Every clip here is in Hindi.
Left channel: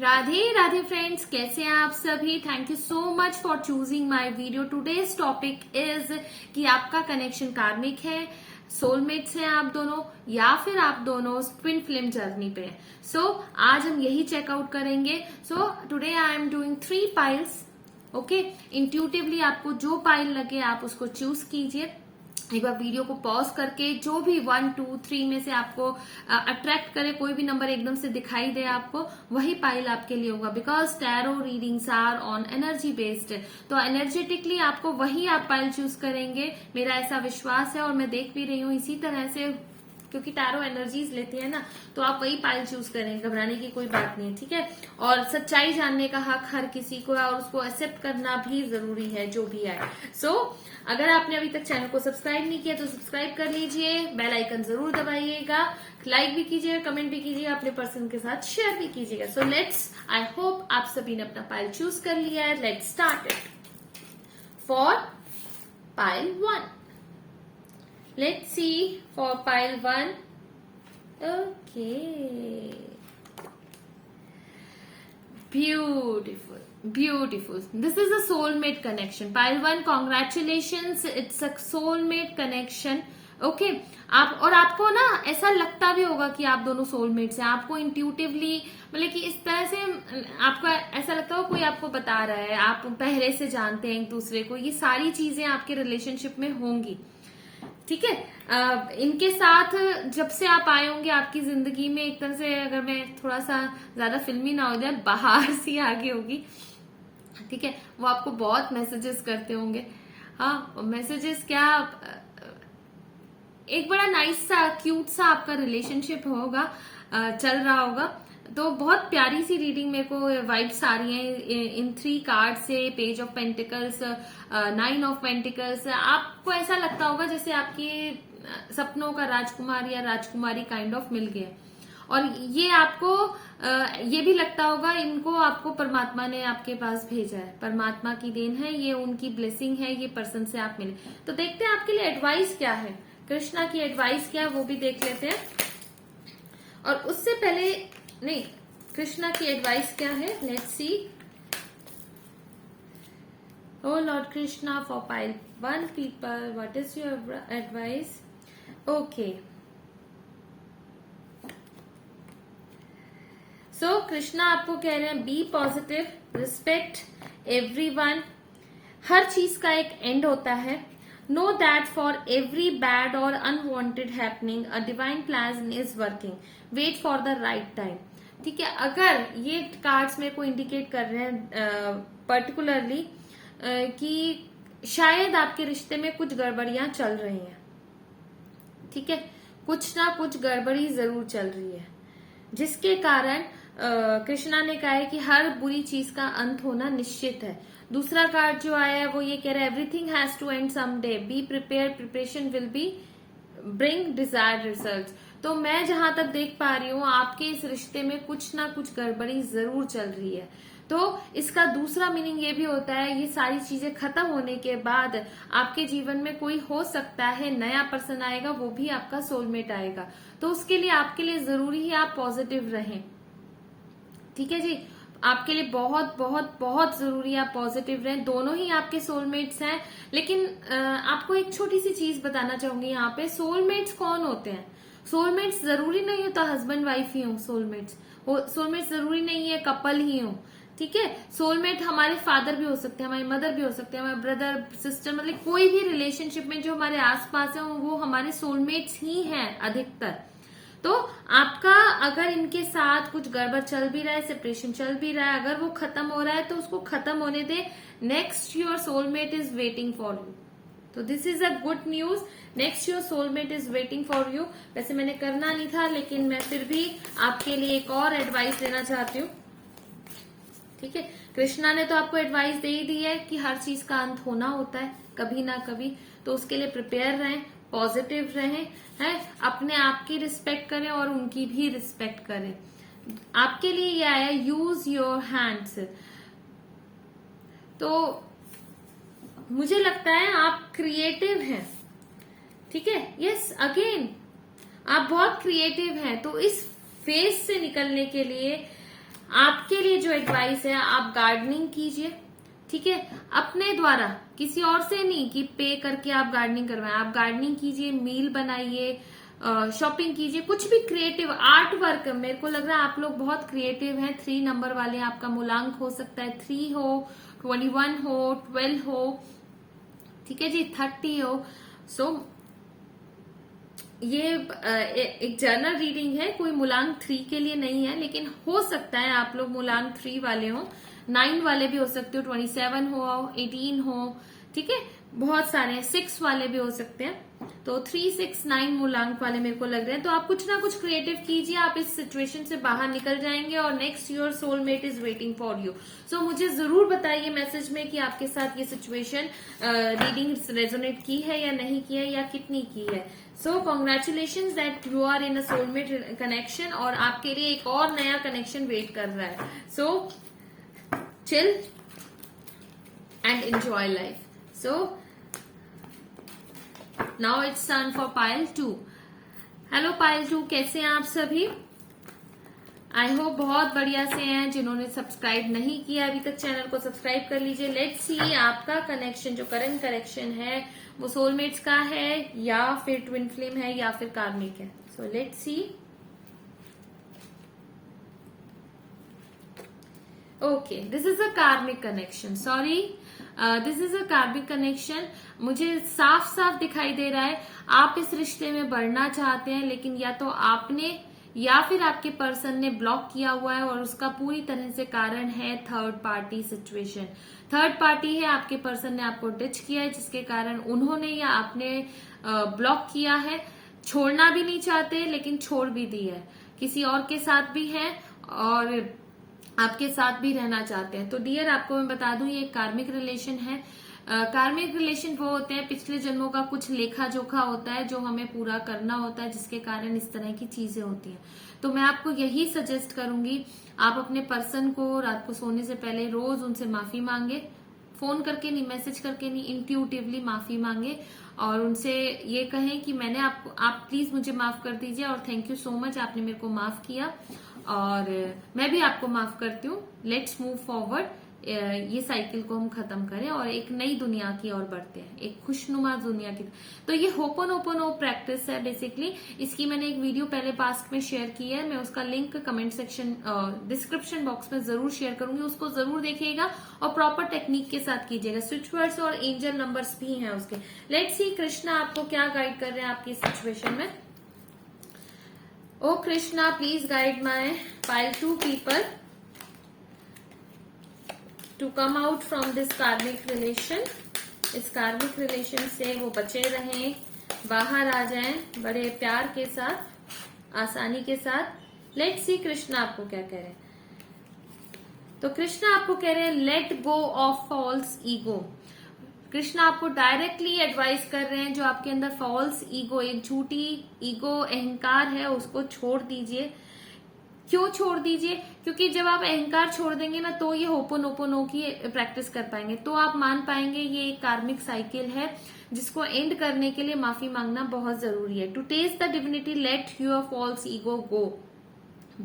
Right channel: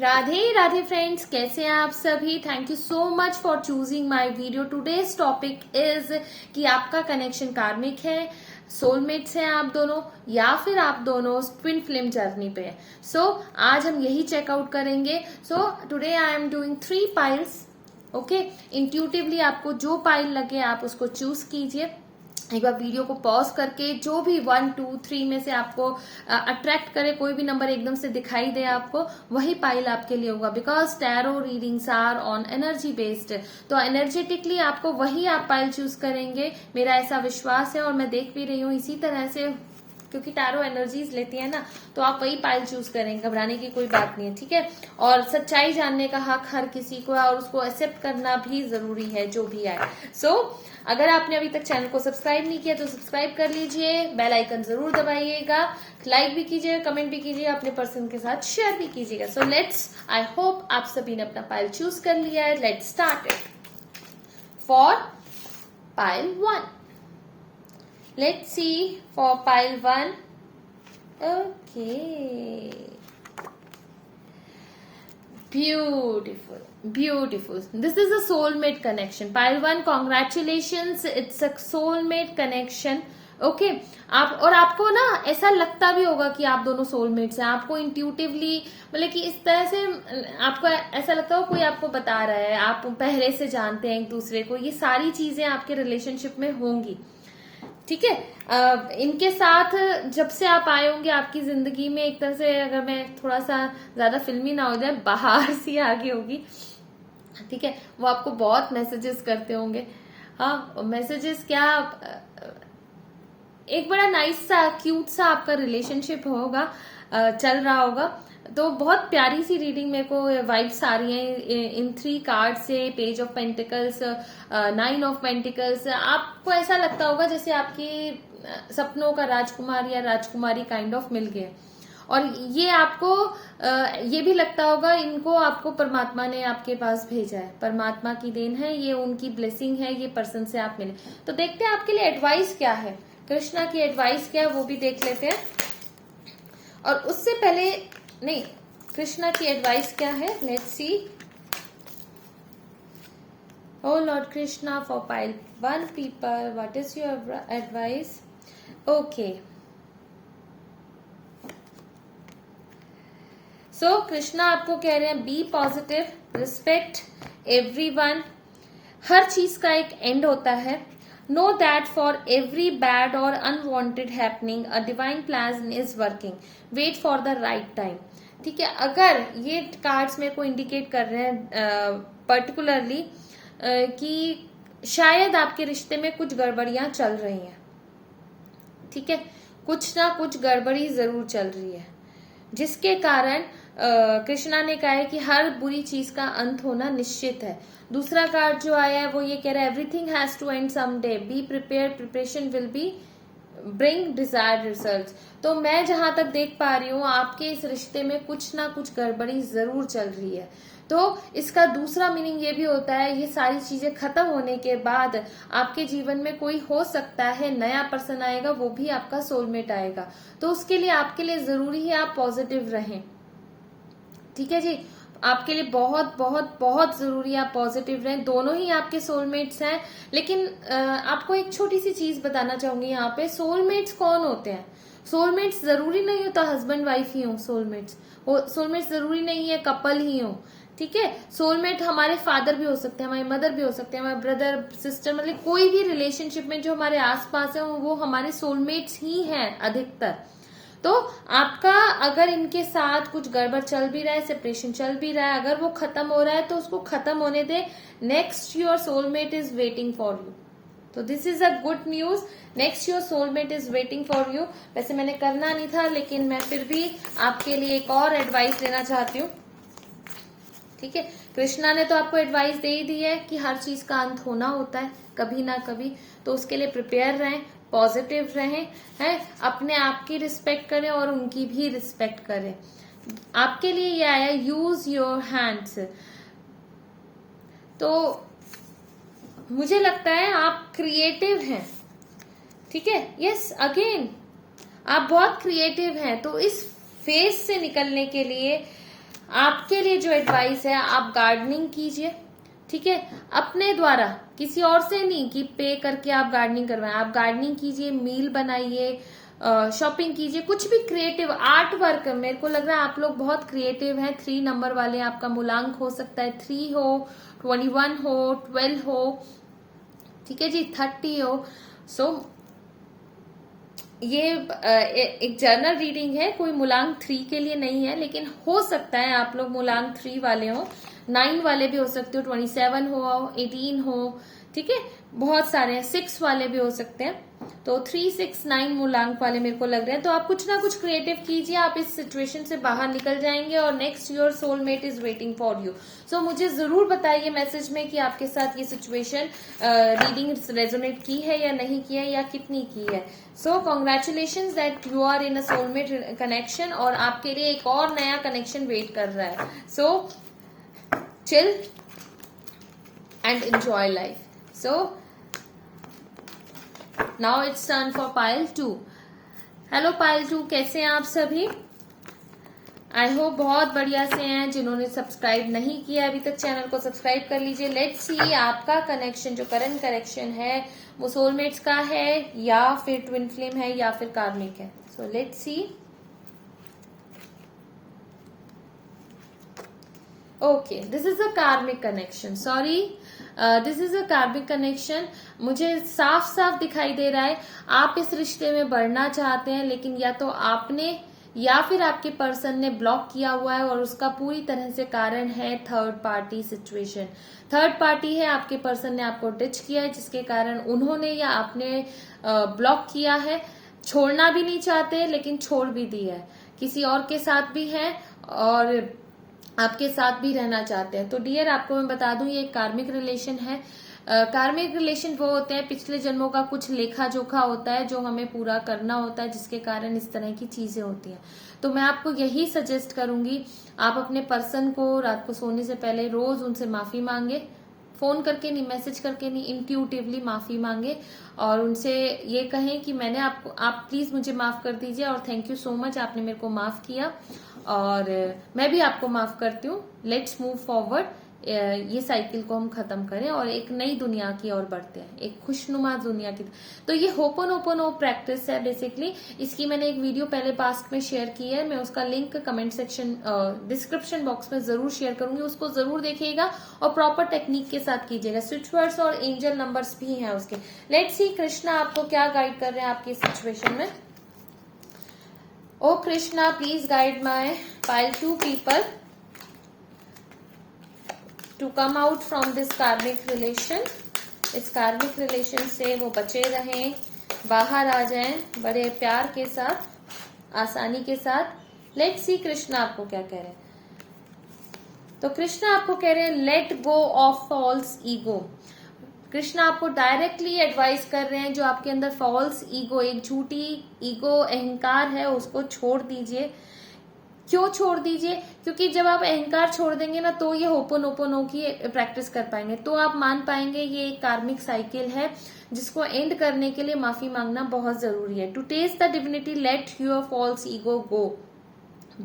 राधे राधे फ्रेंड्स, कैसे हैं आप सभी। Thank you so much for choosing my video. Today's topic is कि आपका कनेक्शन कार्मिक है, सोलमेट्स हैं आप दोनों, या फिर आप दोनों ट्विन फ्लेम जर्नी पे हैं। सो आज हम यही चेकआउट करेंगे। So today I am doing 3 piles. Okay, intuitively आपको जो पाइल लगे आप उसको चूज कीजिए। एक बार वीडियो को पॉज करके जो भी 1, 2, 3 में से आपको अट्रैक्ट करे, कोई भी नंबर एकदम से दिखाई दे आपको, वही पाइल आपके लिए होगा। Because tarot readings are on energy based, तो एनर्जेटिकली आपको वही आप पाइल चूज करेंगे, मेरा ऐसा विश्वास है। और मैं देख भी रही हूँ इसी तरह से, क्योंकि टैरो एनर्जीज लेती है ना, तो आप वही पाइल चूज करेंगे, घबराने की कोई बात नहीं है, ठीक है। और सच्चाई जानने का हक हर किसी को है, और उसको एक्सेप्ट करना भी जरूरी है जो भी आए। सो अगर आपने अभी तक चैनल को सब्सक्राइब नहीं किया तो सब्सक्राइब कर लीजिए, बेल आइकन जरूर दबाइएगा, लाइक भी कीजिएगा, कमेंट भी कीजिएगा, अपने पर्सन के साथ शेयर भी कीजिएगा। सो लेट्स, आई होप आप सभी ने अपना पाइल चूज कर लिया है। Let's start it for pile 1। Let's see for pile 1. Okay. Beautiful. Beautiful. This is a soulmate connection. Pile 1, congratulations. It's a soulmate connection. Okay. और आपको ना ऐसा लगता भी होगा कि आप दोनों सोलमेट्स हैं। आपको इंट्यूटिवली, मतलब कि इस तरह से आपको ऐसा लगता हो कोई आपको बता रहा है, आप पहले से जानते हैं एक दूसरे को। ये सारी चीजें आपके रिलेशनशिप में होंगी, ठीक है। इनके साथ जब से आप आए होंगे आपकी जिंदगी में, एक तरह से अगर मैं थोड़ा सा ज्यादा फिल्मी ना हो जाए, बाहर सी आगे होगी, ठीक है। वो आपको बहुत मैसेजेस करते होंगे। हाँ, मैसेजेस क्या, एक बड़ा नाइस सा क्यूट सा आपका रिलेशनशिप होगा, चल रहा होगा। तो बहुत प्यारी सी रीडिंग मेरे को वाइब्स आ रही हैं इन 3 कार्ड से। Page of pentacles, 9 of pentacles. आपको ऐसा लगता होगा जैसे आपकी सपनों का राजकुमार या राजकुमारी काइंड ऑफ मिल गया। और ये आपको ये भी लगता होगा इनको आपको परमात्मा ने आपके पास भेजा है, परमात्मा की देन है, ये उनकी ब्लेसिंग है, ये पर्सन से आप मिले। तो देखते हैं आपके लिए एडवाइस क्या है, कृष्णा की एडवाइस क्या है वो भी देख लेते हैं। और उससे पहले नहीं, कृष्णा की एडवाइस क्या है, let's see. O lord Krishna, for pile 1 people, what is your advice. Okay, so Krishna आपको कह रहे हैं बी पॉजिटिव, रिस्पेक्ट एवरीवन। हर चीज का एक एंड होता है। Know that for every bad or unwanted happening a divine plan is working, wait for the right time, ठीक है। अगर ये कार्ड्स मेरे को इंडिकेट कर रहे हैं पर्टिकुलरली कि शायद आपके रिश्ते में कुछ गड़बड़ियां चल रही हैं, ठीक है, कुछ ना कुछ गड़बड़ी जरूर चल रही है, जिसके कारण कृष्णा ने कहा है कि हर बुरी चीज का अंत होना निश्चित है। दूसरा कार्ड जो आया है वो ये कह रहा है everything has to end someday, be prepared, preparation will be bring desired results. तो मैं जहां तक देख पा रही हूँ आपके इस रिश्ते में कुछ ना कुछ गड़बड़ी जरूर चल रही है। तो इसका दूसरा मीनिंग ये भी होता है ये सारी चीजें खत्म होने के बाद आपके जीवन में कोई हो सकता है नया पर्सन आएगा, वो भी आपका सोलमेट आएगा। तो उसके लिए आपके लिए जरूरी है आप पॉजिटिव रहें, ठीक है जी। आपके लिए बहुत बहुत बहुत जरूरी है आप पॉजिटिव रहें। दोनों ही आपके सोलमेट्स हैं। लेकिन आपको एक छोटी सी चीज बताना चाहूंगी यहाँ पे, सोलमेट्स कौन होते हैं। सोलमेट्स जरूरी नहीं होता हस्बैंड वाइफ ही हो सोलमेट्स, सोलमेट्स जरूरी नहीं है कपल ही हो, ठीक है। सोलमेट हमारे फादर भी हो सकते हैं, हमारी मदर भी हो सकते हैं, हमारे ब्रदर सिस्टर, मतलब कोई भी रिलेशनशिप में जो हमारे आसपास है वो हमारे सोलमेट्स ही हैं अधिकतर। तो आपका अगर इनके साथ कुछ गड़बड़ चल भी रहा है, सेपरेशन चल भी रहा है, अगर वो खत्म हो रहा है तो उसको खत्म होने दे। Next your soulmate is waiting for you. तो this is a good news, next your soulmate is waiting for you. वैसे मैंने करना नहीं था, लेकिन मैं फिर भी आपके लिए एक और एडवाइस देना चाहती हूँ, ठीक है। कृष्णा ने तो आपको एडवाइस दे ही दी है कि हर चीज का अंत होना होता है कभी ना कभी, तो उसके लिए प्रिपेयर रहें, पॉजिटिव रहें, हैं, अपने आप की रिस्पेक्ट करें और उनकी भी रिस्पेक्ट करें। आपके लिए ये आया यूज योर हैंड्स। तो मुझे लगता है आप क्रिएटिव हैं, ठीक है। यस, अगेन आप बहुत क्रिएटिव हैं। तो इस फेज से निकलने के लिए आपके लिए जो एडवाइस है, आप गार्डनिंग कीजिए, ठीक है, अपने द्वारा, किसी और से नहीं कि पे करके आप गार्डनिंग करवाएं। आप गार्डनिंग कीजिए, मील बनाइए, शॉपिंग कीजिए, कुछ भी क्रिएटिव आर्ट वर्क। मेरे को लग रहा है आप लोग बहुत क्रिएटिव हैं। 3 नंबर वाले, आपका मूलांक हो सकता है 3 हो, 21 हो, 12 हो, ठीक है जी, 30 हो। सो ये एक जर्नल रीडिंग है, कोई मूलांक 3 के लिए नहीं है, लेकिन हो सकता है आप लोग मूलांक 3 वाले हो, 9 वाले भी हो सकते हो, 27 हो, 18 हो, ठीक है, बहुत सारे हैं, 6 वाले भी हो सकते हैं। तो 3, 6, 9 मूलांक वाले मेरे को लग रहे हैं। तो आप कुछ ना कुछ क्रिएटिव कीजिए, आप इस सिचुएशन से बाहर निकल जाएंगे और next your soulmate is waiting for you. So मुझे जरूर बताइए मैसेज में कि आपके साथ ये सिचुएशन रीडिंग रेजोनेट की है या नहीं की है, या कितनी की है। So congratulation that you are in a soulmate connection, और आपके लिए एक और नया कनेक्शन वेट कर रहा है। So chill and enjoy life. So now it's turn for pile 2. Hello pile 2, कैसे हैं आप सभी? आई होप बहुत बढ़िया से हैं। जिन्होंने सब्सक्राइब नहीं किया अभी तक चैनल को सब्सक्राइब कर लीजिए। लेट्स सी आपका कनेक्शन, जो करंट कनेक्शन है वो सोलमेट्स का है या फिर ट्विन फ्लेम है या फिर कार्मिक है। So let's see. Okay, this is a karmic connection, sorry, this is a karmic connection. मुझे साफ साफ दिखाई दे रहा है आप इस रिश्ते में बढ़ना चाहते हैं, लेकिन या तो आपने या फिर आपके पर्सन ने ब्लॉक किया हुआ है, और उसका पूरी तरह से कारण है third party situation. Third party है, आपके पर्सन ने आपको डिच किया है, जिसके कारण उन्होंने या आपने ब्लॉक किया है। छोड़ना भी नहीं चाहते लेकिन छोड़ भी दिया है, किसी और के साथ भी है और आपके साथ भी रहना चाहते हैं। तो डियर, आपको मैं बता दूं ये एक कार्मिक रिलेशन है। कार्मिक रिलेशन वो होते हैं, पिछले जन्मों का कुछ लेखा जोखा होता है जो हमें पूरा करना होता है, जिसके कारण इस तरह की चीजें होती हैं। तो मैं आपको यही सजेस्ट करूंगी, आप अपने पर्सन को रात को सोने से पहले रोज उनसे माफी मांगे, फोन करके नहीं, मैसेज करके नहीं, इंट्यूटिवली माफी मांगे और उनसे ये कहें कि मैंने आपको, आप प्लीज मुझे माफ कर दीजिए और थैंक यू सो मच, आपने मेरे को माफ किया और मैं भी आपको माफ करती हूँ। लेट्स मूव फॉरवर्ड, ये साइकिल को हम खत्म करें और एक नई दुनिया की ओर बढ़ते हैं, एक खुशनुमा दुनिया की। तो ये होपोनोपोनो प्रैक्टिस है बेसिकली। इसकी मैंने एक वीडियो पहले पास्ट में शेयर की है, मैं उसका link comment section description box में जरूर शेयर करूंगी, उसको जरूर देखिएगा और प्रॉपर टेक्निक के साथ कीजिएगा। स्विच वर्ड्स और एंजल नंबर्स भी हैं उसके। लेट्स सी कृष्णा आपको क्या गाइड कर रहे हैं आपकी सिचुएशन में। O Krishna, please guide my pile 2 people to come out from this karmic relation. इस कार्मिक रिलेशन से वो बचे रहें, बाहर आ जाएं बड़े प्यार के साथ, आसानी के साथ। लेट्स सी कृष्णा आपको क्या कह रहे हैं। तो कृष्णा आपको कह रहे हैं let go of false ego. Krishna आपको डायरेक्टली एडवाइस कर रहे हैं, जो आपके अंदर फॉल्स ईगो, एक झूठी ईगो, अहंकार है, उसको छोड़ दीजिए। क्यों छोड़ दीजिए? क्योंकि जब आप अहंकार छोड़ देंगे ना, तो ये होपोनोपोनो की प्रैक्टिस कर पाएंगे, तो आप मान पाएंगे ये एक कार्मिक साइकिल है जिसको एंड करने के लिए माफी मांगना बहुत जरूरी है। To test the divinity, let your false ego go,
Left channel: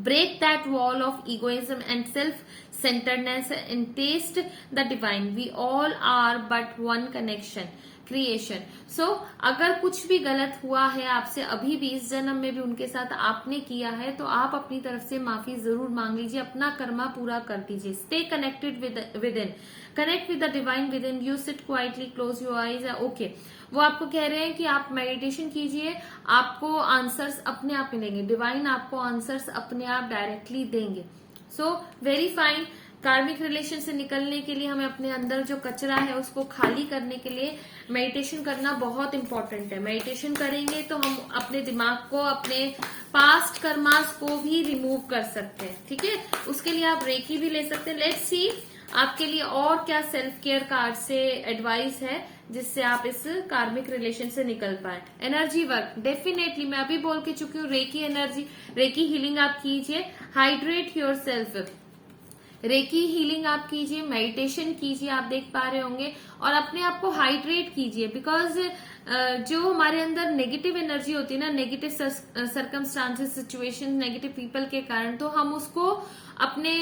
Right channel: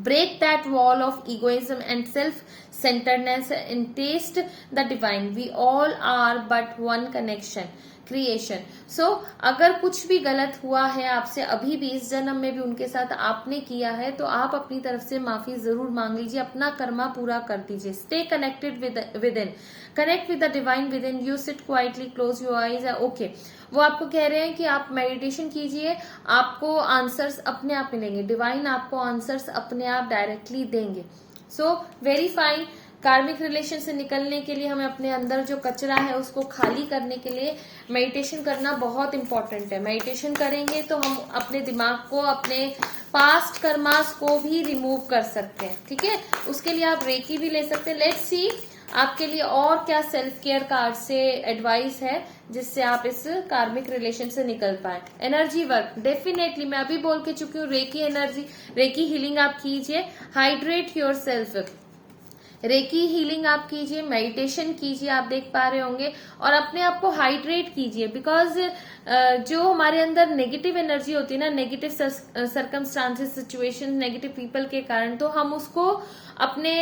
break that wall of egoism and self-centeredness and taste the divine. We all are but one connection, creation. So अगर कुछ भी गलत हुआ है आपसे अभी भी, इस जन्म में भी उनके साथ आपने किया है, तो आप अपनी तरफ से माफी जरूर मांग लीजिए, अपना कर्मा पूरा कर दीजिए। Stay connected with in, connect with the divine with in you, sit quietly, close your eyes. Okay, वो आपको कह रहे हैं कि आप मेडिटेशन कीजिए, आपको आंसर्स अपने आप मिलेंगे, डिवाइन आपको आंसर्स अपने आप डायरेक्टली देंगे। So very fine. कार्मिक रिलेशन से निकलने के लिए हमें अपने अंदर जो कचरा है उसको खाली करने के लिए मेडिटेशन करना बहुत इंपॉर्टेंट है। मेडिटेशन करेंगे तो हम अपने दिमाग को, अपने पास्ट कर्मास को भी रिमूव कर सकते हैं, ठीक है। उसके लिए आप रेकी भी ले सकते हैं। लेट्स सी आपके लिए और क्या सेल्फ केयर कार्ड से एडवाइस है जिससे आप इस कार्मिक रिलेशन से निकल पाए। एनर्जी वर्क, डेफिनेटली मैं अभी बोल के चुकी हूँ, रेकी एनर्जी, रेकी हीलिंग आप कीजिए। Hydrate your self, recce healing आप कीजिए, मेडिटेशन कीजिए, आप देख पा रहे होंगे, और अपने आप को हाइड्रेट कीजिए। बिकॉज जो हमारे अंदर नेगेटिव एनर्जी होती है ना, negative circumstances, situation, negative people के कारण, तो हम उसको अपने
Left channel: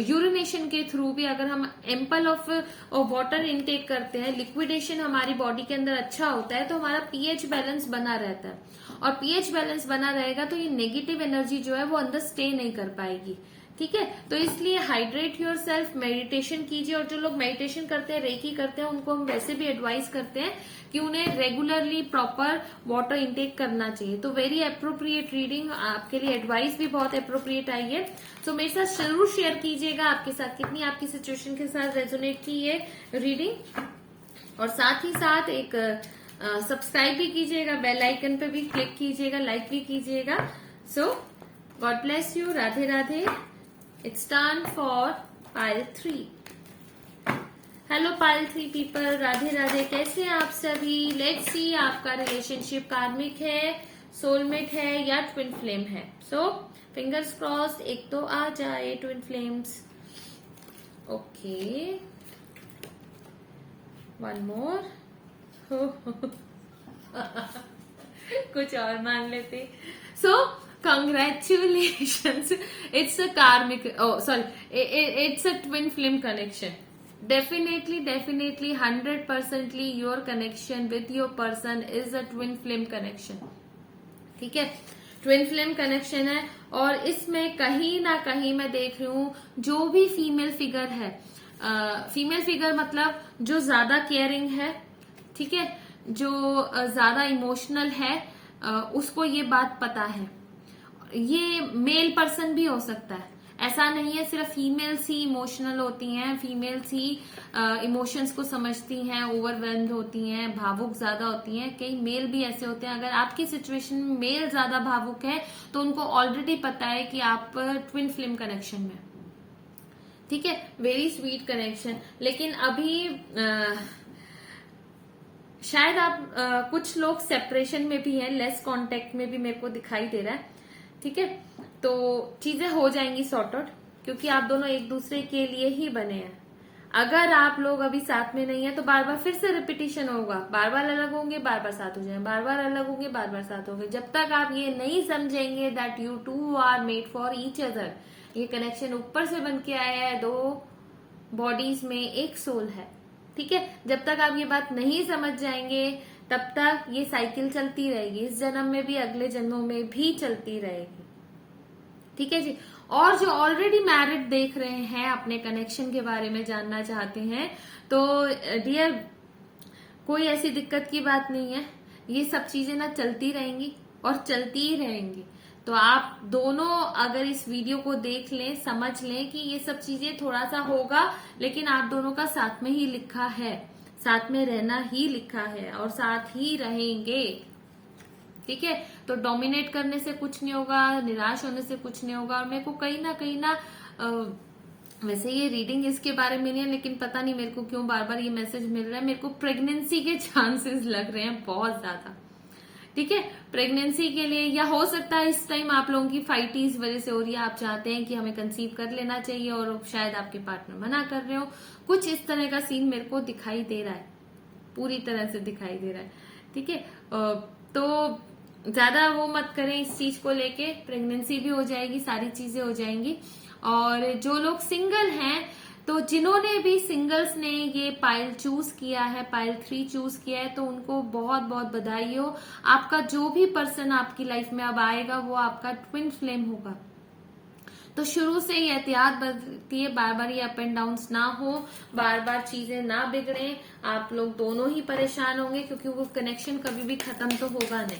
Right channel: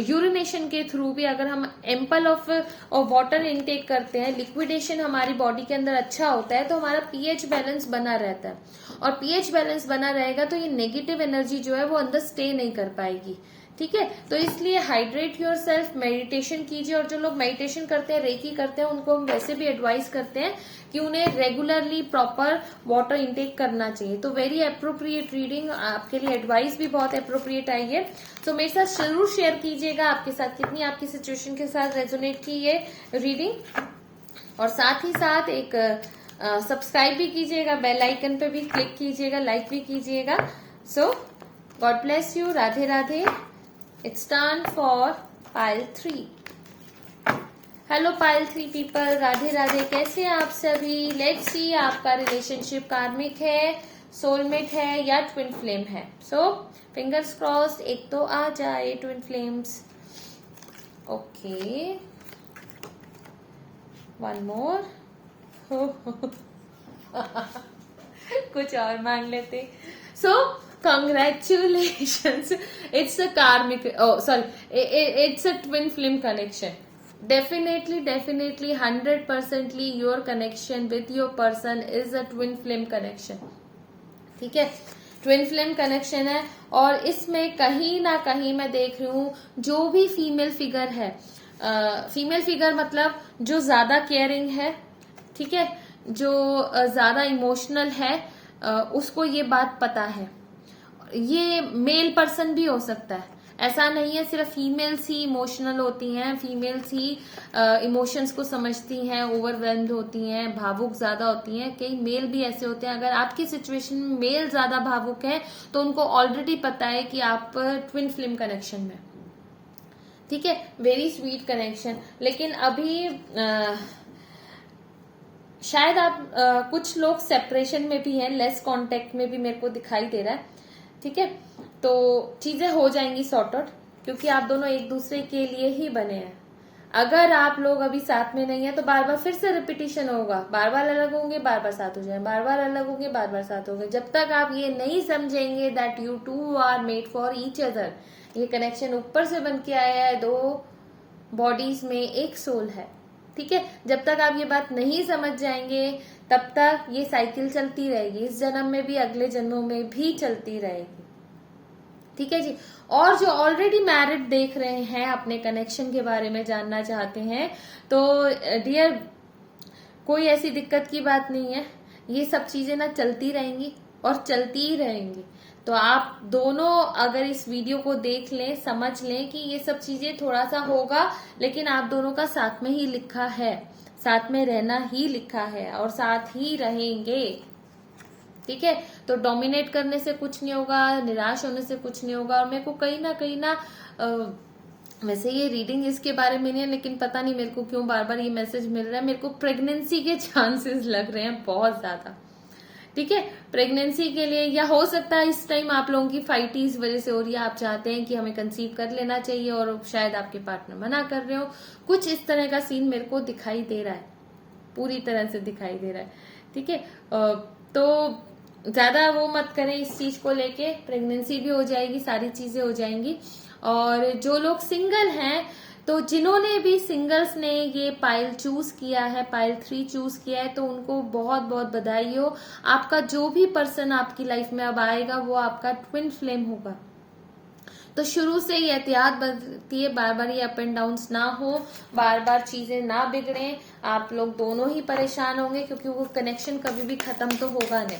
यूरिनेशन के थ्रू भी, अगर हम एम्पल ऑफ वाटर इनटेक करते हैं, लिक्विडेशन हमारी बॉडी के अंदर अच्छा होता है, तो हमारा पीएच बैलेंस बना रहता है। और पीएच बैलेंस बना रहेगा तो ये नेगेटिव एनर्जी जो है वो अंदर स्टे नहीं कर पाएगी। ठीक है, तो इसलिए हाइड्रेट योर सेल्फ, मेडिटेशन कीजिए। और जो लोग मेडिटेशन करते हैं, रेकी करते हैं, उनको हम वैसे भी एडवाइस करते हैं कि उन्हें रेगुलरली प्रॉपर वाटर इंटेक करना चाहिए। तो वेरी अप्रोप्रिएट रीडिंग, आपके लिए एडवाइस भी बहुत अप्रोप्रिएट आई है। तो मेरे साथ जरूर शेयर कीजिएगा आपके साथ कितनी आपकी सिचुएशन के साथ रेजोनेट की ये रीडिंग, और साथ ही साथ एक सब्सक्राइब भी कीजिएगा, बेल आइकन पे भी क्लिक कीजिएगा, लाइक भी कीजिएगा। So God bless you, Radhe Radhe. It's time for pile 3। Hello pile 3 people, Radhe Radhe, कैसे हैं आप सभी? लेट्स सी आपका रिलेशनशिप कार्मिक है, सोलमेट है या ट्विन फ्लेम है। सो फिंगर्स क्रॉस्ड, एक तो आ जाए twin flames. Okay, one more. कुछ और मांग लेते। सो congratulations, it's a karmic, it's a twin flame connection. Definitely 100%ly your connection with your person is a twin flame connection. ठीक है, ट्विन फ्लेम कनेक्शन है, और इसमें कहीं ना कहीं मैं देख रही हूँ जो भी फीमेल फिगर है, फीमेल फिगर मतलब जो ज्यादा केयरिंग है, ठीक है, जो ज्यादा इमोशनल है, उसको ये बात पता है। ये मेल पर्सन भी हो सकता है, ऐसा नहीं है सिर्फ फीमेल्स ही इमोशनल होती हैं, फीमेल्स ही इमोशंस को समझती हैं, ओवरवेल्म्ड होती हैं, भावुक ज्यादा होती हैं। कई मेल भी ऐसे होते हैं। अगर आपकी सिचुएशन में मेल ज्यादा भावुक है तो उनको ऑलरेडी पता है कि आप ट्विन फ्लेम कनेक्शन में, ठीक है, वेरी स्वीट कनेक्शन। लेकिन अभी शायद आप कुछ लोग सेपरेशन में भी हैं, लेस कांटेक्ट में भी मेरे को दिखाई दे रहा है। ठीक है, तो चीजें हो जाएंगी सॉर्ट आउट, क्योंकि आप दोनों एक दूसरे के लिए ही बने हैं। अगर आप लोग अभी साथ में नहीं है तो बार बार फिर से रिपीटिशन होगा, बार बार अलग होंगे, बार बार साथ हो जाएंगे, बार बार अलग होंगे, बार बार साथ होंगे। जब तक आप ये नहीं समझेंगे that you two are made for each other, ये कनेक्शन ऊपर से बन के आया है, दो बॉडीज में एक सोल है। ठीक है, जब तक आप ये बात नहीं समझ जाएंगे तब तक ये साइकिल चलती रहेगी, इस जन्म में भी अगले जन्मों में भी चलती रहेगी। ठीक है जी। और जो ऑलरेडी मैरिड देख रहे हैं, अपने कनेक्शन के बारे में जानना चाहते हैं, तो डियर कोई ऐसी दिक्कत की बात नहीं है, ये सब चीजें ना चलती रहेंगी और चलती ही रहेंगी। तो आप दोनों अगर इस वीडियो को देख लें, समझ लें कि ये सब चीजें थोड़ा सा होगा, लेकिन आप दोनों का साथ में ही लिखा है, साथ में रहना ही लिखा है और साथ ही रहेंगे। ठीक है, तो डोमिनेट करने से कुछ नहीं होगा, निराश होने से कुछ नहीं होगा। और मेरे को कहीं ना वैसे ये रीडिंग इसके बारे में नहीं है, लेकिन पता नहीं मेरे को क्यों बार बार ये मैसेज मिल रहा है, मेरे को प्रेगनेंसी के चांसेस लग रहे हैं बहुत ज्यादा। ठीक है, प्रेगनेंसी के लिए, या हो सकता है इस टाइम आप लोगों की फाइटी इस वजह से हो रही है, आप चाहते हैं कि हमें कंसीव कर लेना चाहिए और शायद आपके पार्टनर मना कर रहे हो। कुछ इस तरह का सीन मेरे को दिखाई दे रहा है, पूरी तरह से दिखाई दे रहा है। ठीक है, तो ज्यादा वो मत करें इस चीज को लेके, प्रेगनेंसी भी हो जाएगी, सारी चीजें हो जाएंगी। और जो लोग सिंगल हैं, तो जिन्होंने भी सिंगल्स ने ये पाइल चूज किया है, पाइल 3 चूज किया है, तो उनको बहुत बहुत बधाई हो। आपका जो भी पर्सन आपकी लाइफ में अब आएगा वो आपका ट्विन फ्लेम होगा। तो शुरू से ही एहतियात बरतिए, बार बार ये अप एंड डाउन्स ना हो, बार बार चीजें ना बिगड़े, आप लोग दोनों ही परेशान होंगे, क्योंकि वो कनेक्शन कभी भी खत्म तो होगा नहीं,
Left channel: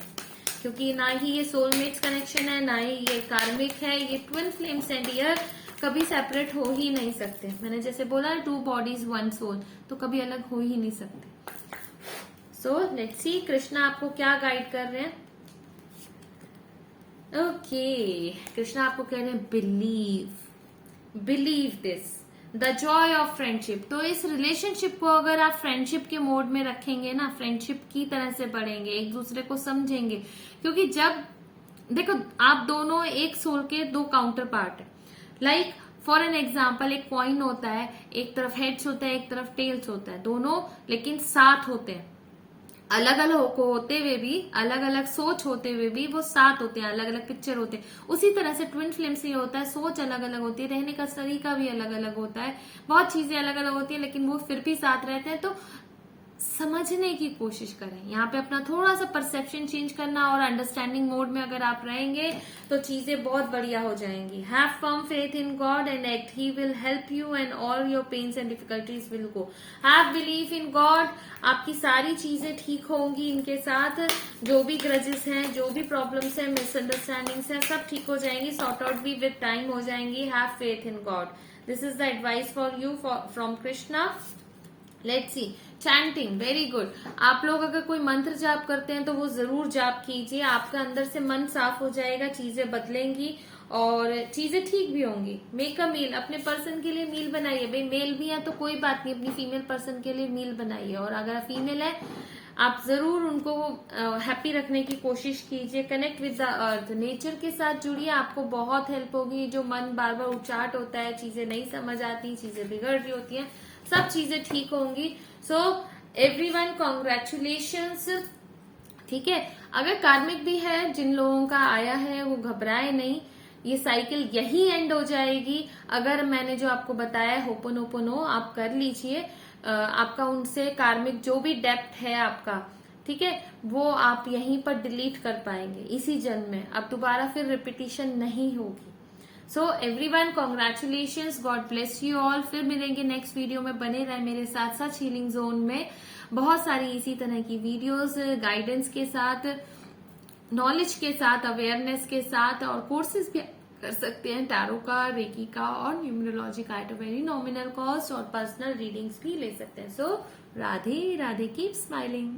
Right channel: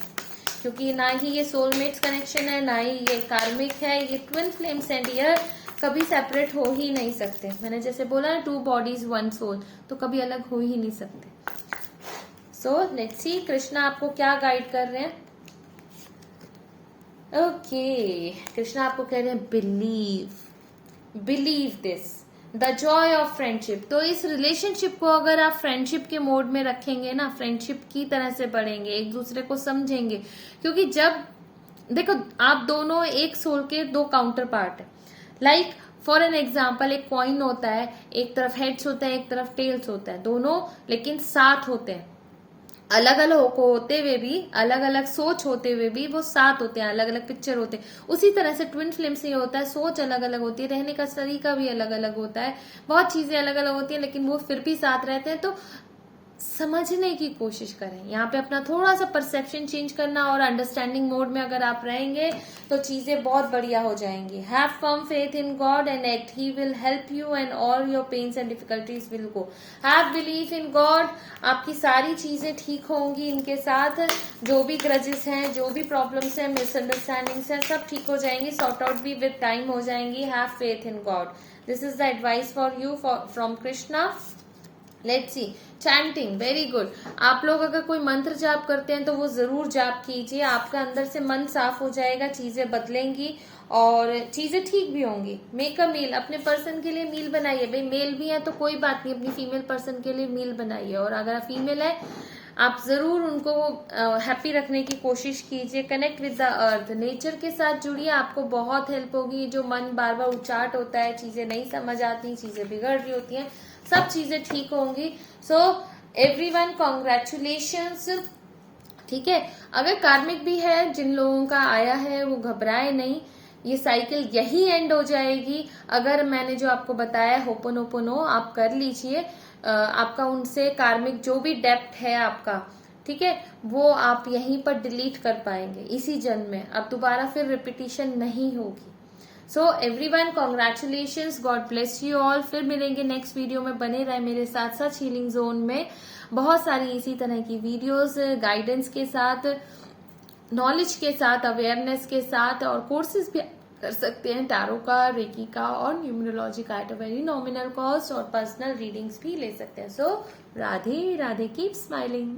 क्योंकि ना ही ये सोलमेट्स कनेक्शन है, ना ही ये कार्मिक है, ये ट्विन फ्लेम्स एंड ये कभी सेपरेट हो ही नहीं सकते। मैंने जैसे बोला ना, 2 बॉडीज 1 सोल, तो कभी अलग हो ही नहीं सकते। सो लेट्स सी कृष्णा आपको क्या गाइड कर रहे हैं। ओके, कृष्णा आपको कह रहे हैं believe this, the Joy of friendship. तो इस रिलेशनशिप को अगर आप फ्रेंडशिप के मोड में रखेंगे ना, फ्रेंडशिप की तरह से बढ़ेंगे, एक दूसरे को समझेंगे, क्योंकि जब देखो आप दोनों एक सोल के 2 काउंटर पार्ट है। लाइक फॉर एन एग्जाम्पल एक कॉइन होता है, एक तरफ हेड्स होता है, एक तरफ टेल्स होता है, दोनों लेकिन साथ होते हैं। अलग अलग होते हुए भी, अलग अलग सोच होते हुए भी वो साथ होते हैं, अलग अलग पिक्चर होते हैं। उसी तरह से ट्विन फ्लेम से ये होता है, सोच अलग अलग होती है, रहने का तरीका भी अलग अलग होता है, बहुत चीजें अलग अलग होती है, लेकिन वो फिर भी साथ रहते हैं। तो समझने की कोशिश करें, यहाँ पे अपना थोड़ा सा परसेप्शन चेंज करना, और अंडरस्टैंडिंग मोड में अगर आप रहेंगे तो चीजें बहुत बढ़िया हो जाएंगी। Have firm faith in God and act, he will help you and all your pains and difficulties will go. Have believe in God, आपकी सारी चीजें ठीक होंगी इनके साथ, जो भी ग्रजेस हैं, जो भी प्रॉब्लम्स हैं, मिसअंडरस्टैंडिंग्स हैं, सब ठीक हो जाएंगी, सॉर्ट आउट भी विद टाइम हो जाएंगी। Have faith in God, this is the advice for you from Krishna. Let's see, chanting, very good. आप लोग अगर कोई मंत्र जाप करते हैं तो वो जरूर जाप कीजिए, आपका अंदर से मन साफ हो जाएगा, चीजें बदलेंगी और चीजें ठीक भी होंगी। मेक अ मील, अपने पर्सन के लिए मील बनाइए। भाई मेल भी है तो कोई बात नहीं, अपनी फीमेल पर्सन के लिए मील बनाइए, और अगर फीमेल है आप जरूर उनको हैप्पी रखने की कोशिश कीजिए। Connect with the earth, nature के साथ जुड़िए, आपको बहुत हेल्प होगी। जो मन बार बार उचाट होता है, चीजें नहीं समझ आती, चीजें बिगड़ रही होती हैं, सब चीजें ठीक होंगी। सो एवरीवन कॉन्ग्रेचुलेशंस, ठीक है। अगर कार्मिक भी है, जिन लोगों का आया है वो घबराए नहीं, ये साइकिल यही एंड हो जाएगी। अगर मैंने जो आपको बताया होपोनोपोनो आप कर लीजिए, आपका उनसे कार्मिक जो भी डेप्थ है आपका, ठीक है, वो आप यहीं पर डिलीट कर पाएंगे इसी जन्म में, अब दोबारा फिर रिपीटिशन नहीं होगी। So everyone congratulations, God bless you all. फिर मिलेंगे नेक्स्ट वीडियो में, बने रहे मेरे साथ साथ हीलिंग जोन में बहुत सारी इसी तरह की वीडियोस गाइडेंस के साथ, नॉलेज के साथ, अवेयरनेस के साथ, और कोर्सेज भी कर सकते हैं टैरो का, रेकी का और न्यूमरोलॉजी का at a very nominal cost, और पर्सनल रीडिंग्स भी ले सकते हैं। सो राधे राधे, कीप स्माइलिंग।